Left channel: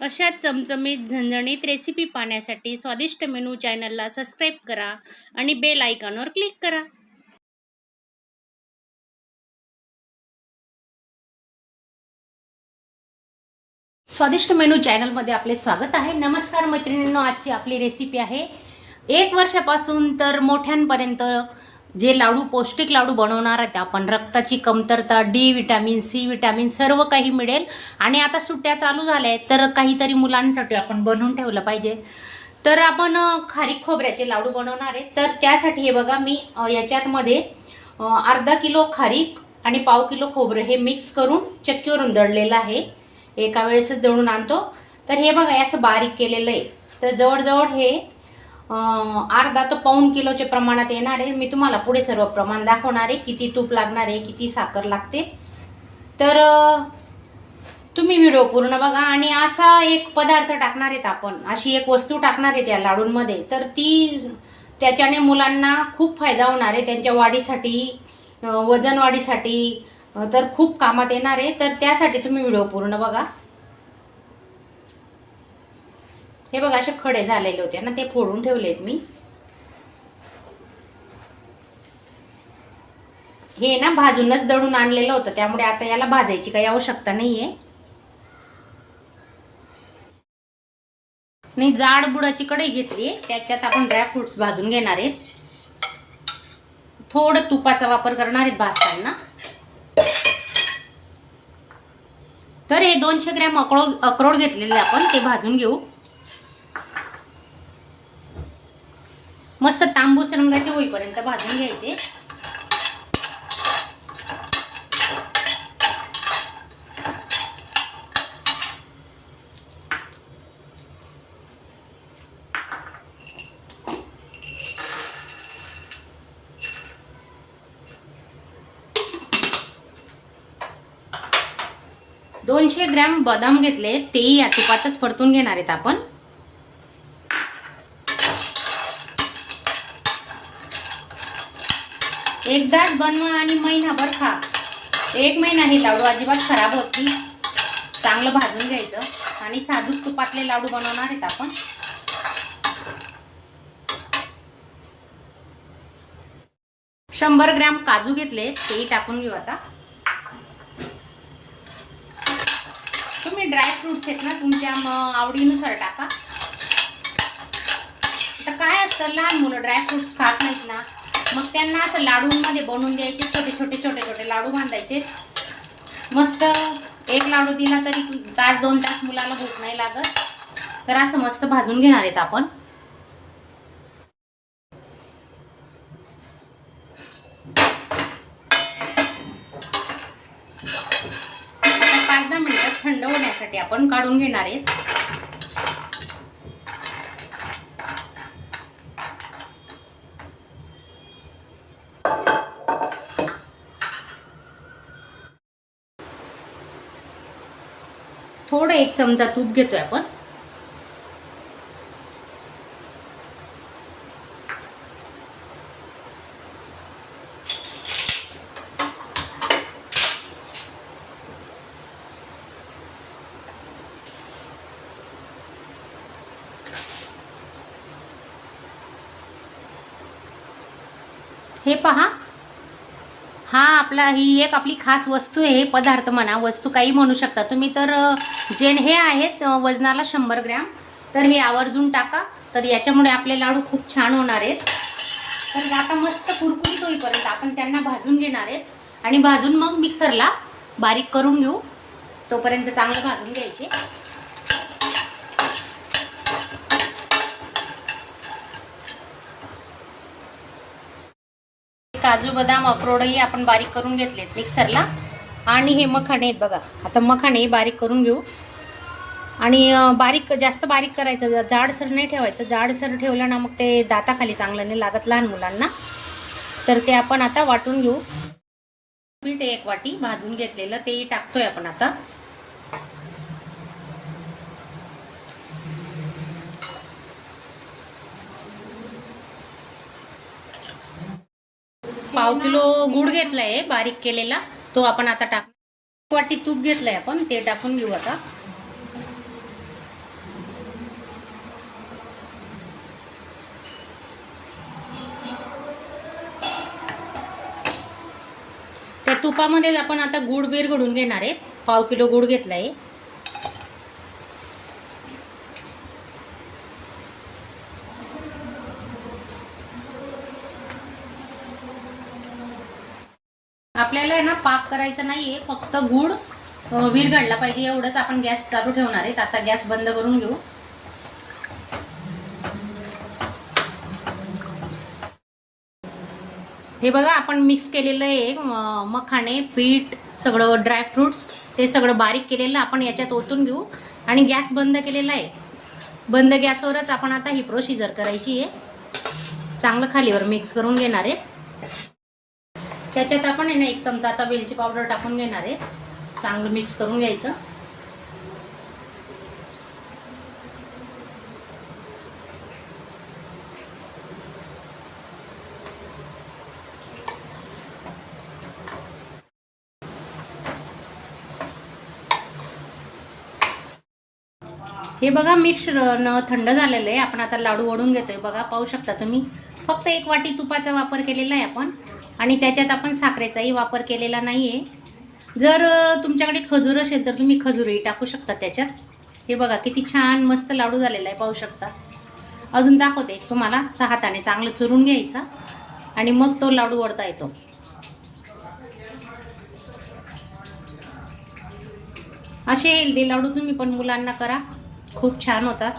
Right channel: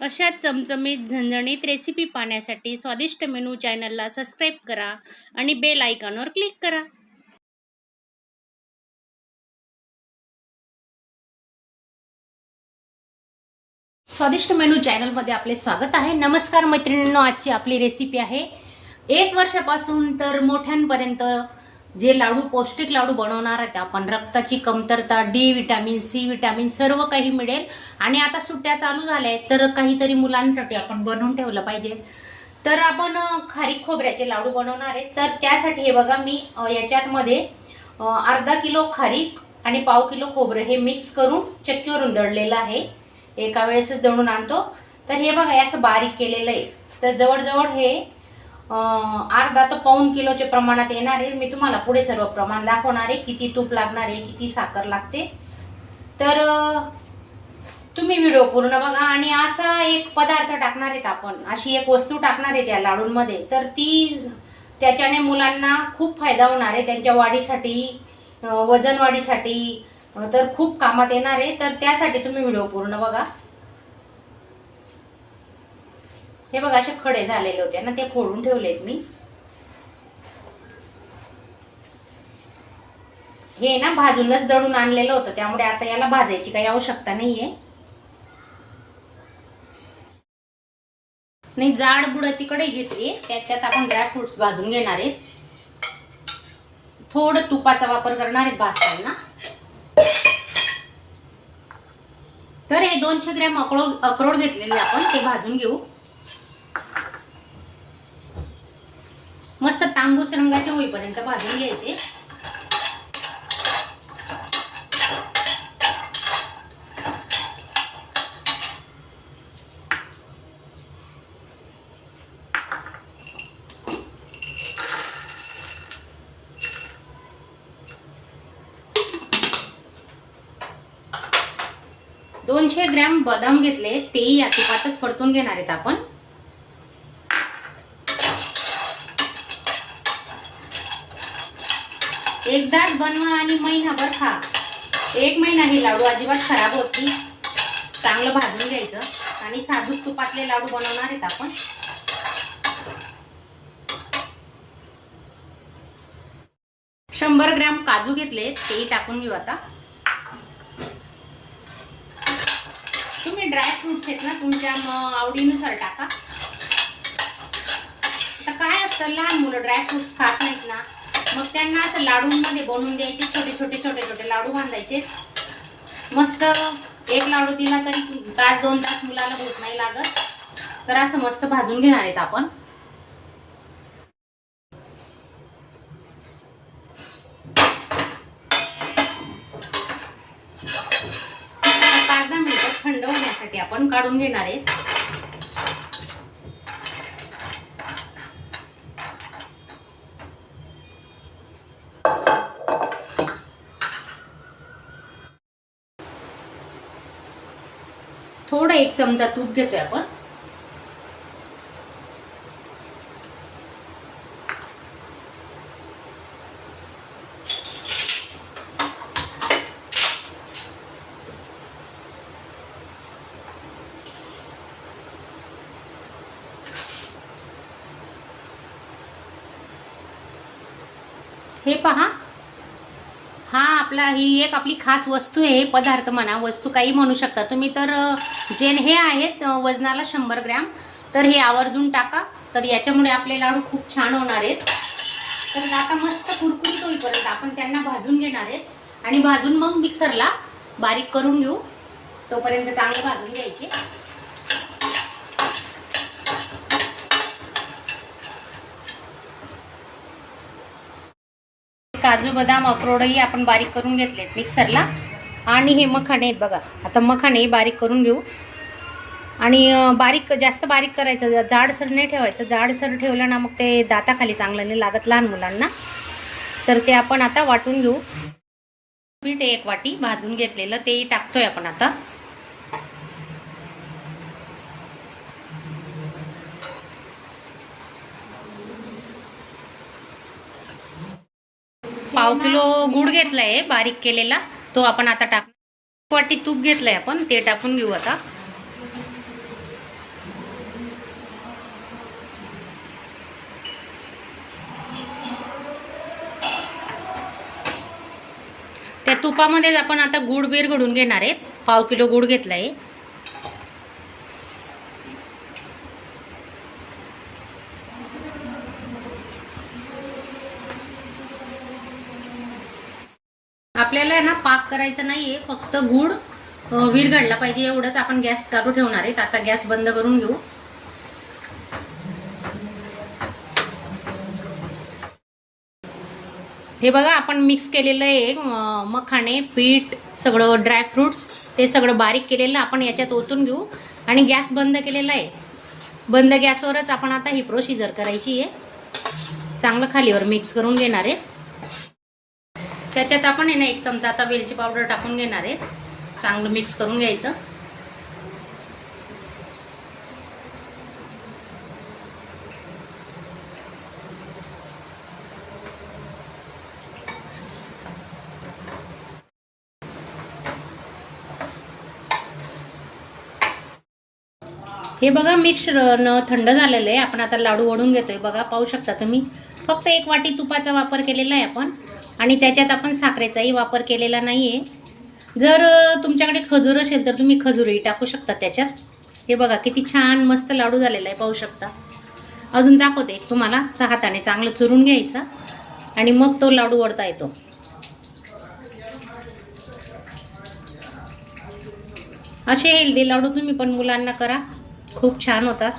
अशा चमचमीत झणझणीत रेसिपी पाहण्यासाठी स्वादिष्ट मेनू चॅनलला सबस्क्राईब करा आणि बेल आयकॉनवर क्लिक करा. स्वादिष्ट मेनू चॅनलमध्ये आपले स्वागत आहे. नमस्कार मैत्रिणींनो, आजची आपली रेसिपी आहे 1 वर्षापासून तर मोठ्यांपर्यंत जे लाडू, पौष्टिक लाडू बनवणार आहेत आपण. रक्ताची कमतरता, डी विटॅमिन, सी विटॅमिन सर्व काही मिळेल. आणि आता सुट्ट्या चालू झाल्या आहेत तर काहीतरी मुलांसाठी आपण बनवून ठेवलं पाहिजे. तर आपण खारीक खोबऱ्याचे लाडू बनवणार आहे. तर त्यासाठी हे बघा, मी याच्यामध्ये अर्धा किलो खारीक आणि पाव किलो खोबरं हे मिक्स करून चक्कीवरून दळलेलं आहे. एका वेळेसच दळून आणतो. तर हे बघा, असं बारीक केलेलं आहे. तर जवळजवळ हे अर्धा ते पाऊण किलोच्या प्रमाणात येणार आहे. मी तुम्हाला पुढे सर्व प्रमाण दाखवणार आहे, किती तूप लागणार आहे, किती साखर लागते. तर तुम्ही व्हिडिओ पूर्ण बघा. आणि असा एक पदार्थ टाकणार आहेत आपण, अशी एक वस्तू टाकणार आहे त्या लाडूंमध्ये, तर त्याच्याने मुलांना खूप फायदा होणार आहे. त्यांच्या वाढीसाठी, वजन वाढीसाठी तर खूप कामात येणार आहे. तर त्यासाठी तुम्ही व्हिडिओ पूर्ण बघा. हे बघा, असे खडे झालेले होते ना, ते फोडून ठेवलेत मी. हे ना भाजूनच दळून आणलेलं होतं, त्यामुळे आता याला भाजायची काही आवश्यकता नाहीये. नाही, जाड बुडाची कढई घेतली, त्याच्यात आपण ड्रायफ्रुट्स भाजून घेणार आहेत. थोडं तुपाचा वापर करणार आहेत भाजताना. तर हे 200 ग्रॅम अक्रोड घेतलेले आपण, ते भाजून घेऊ. मस्त तांबूस रंगाचे होईपर्यंत भाजून घ्यायचे. दोनशे ग्रॅम बदाम घेतले, तेही या तुपातच परतून घेणार आहेत आपण. एकदाच बनवा आणि महिनाभर खा. 1 महिना हे लाडू अजिबात खराब होत नाही. चांगलं भाजून घ्यायचं. आणि साधूक तुपातले लाडू बनवणार आहेत आपण. शंभर ग्रॅम काजू घेतले, तेही टाकून घेऊ आता. तुम्ही ड्रायफ्रुट्स आहेत ना, तुमच्या आवडीनुसार टाका. आता काय असतं, लहान मुलं ड्रायफ्रुट्स खात नाहीत ना, मग त्यांना असं लाडूंमध्ये बनवून द्यायचे. छोटे छोटे लाडू बांधायचे. मस्त एक लाडू दिला तरी तास 2 तास मुलाला भूक नाही लागत. तर असं मस्त भाजून घेणार आहेत आपण. थंड होण्यासाठी आपण काढून घेणार आहेत. थोडं 1 चमचा तूप घेतोय आपण. हे पहा, ही एक आपली खास वस्तू आहे. पदार्थ म्हणा, वस्तू काही म्हणू शकता तुम्ही. तर हे आहेत वजनाला 100 ग्रॅम. तर हे आवर्जून टाका. तर याच्यामुळे आपले लाडू खूप छान होणार आहेत. तर आता मस्त कुरकुरीत होईपर्यंत आपण त्यांना भाजून घेणार आहेत. आणि भाजून मग मिक्सरला बारीक करून घेऊ. तोपर्यंत चांगले भाजून घ्यायचे. काजू, बदाम, अक्रोडही आपण बारीक करून घेतलेत मिक्सरला. आणि हे मखाणे आहेत बघा. आता मखाणे बारीक करून घेऊ. आणि जास्त बारीक करायचं, जाडसर नाही ठेवायचं. जाडसर ठेवलं ना मग ते दाताखाली चांगलं नाही लागत लहान मुलांना. तर ते आपण आता वाटून घेऊ. पीठ 1 वाटी भाजून घेतलेलं, तेही टाकतोय आपण आता. पाव किलो गूळ घेतलाय बारीक केलेला, तो आपण आता टाक. 1 वाटी तूप घेतलंय आपण, ते टाकून घेऊ आता. तुपामध्येच आपण आता गूळ विरघळून घेणार आहेत. 1/2 किलो गूळ घेतला आहे. आपल्याला ना पाक करायचा नाहीये, फक्त गूळ विरघळला पाहिजे एवढंच. आपण गॅस चालू ठेवणार आहेत. आता गॅस बंद करून घेऊ. हे बघा आपण मिक्स केलेलं आहे मखाणे, पीठ, सगळं ड्रायफ्रुट्स ते सगळं बारीक केलेलं आपण याच्यात ओतून घेऊ आणि गॅस बंद केलेला आहे. बंद गॅसवरच आपण आता ही प्रोसिजर करायची आहे. चांगलं खालीवर मिक्स करून घेणार आहे. त्याच्यात आपण आहे ना 1 चमचा आता वेलची पावडर टाकून घेणार आहे. चांगलं मिक्स करून घ्यायचं. हे बघा मिक्सर थंड झालेलं आहे. आपण आता लाडू वळून घेतोय. बघा पाहू शकता तुम्ही. फक्त 1 वाटी तुपाचा वापर केलेला आहे आपण आणि त्याच्यात आपण साखरेचाही वापर केलेला नाहीये. जर तुमच्याकडे खजूर असेल तर तुम्ही खजूरही टाकू शकता त्याच्यात. हे बघा किती छान मस्त लाडू झालेला आहे, पाहू शकता. अजून दाखवते तुम्हाला. हाताने चांगलं चुरून घ्यायचा आणि मग तो लाडू वळता येतो. असे हेल्दी लाडू तुम्ही पण मुलांना करा, खूप छान होतात.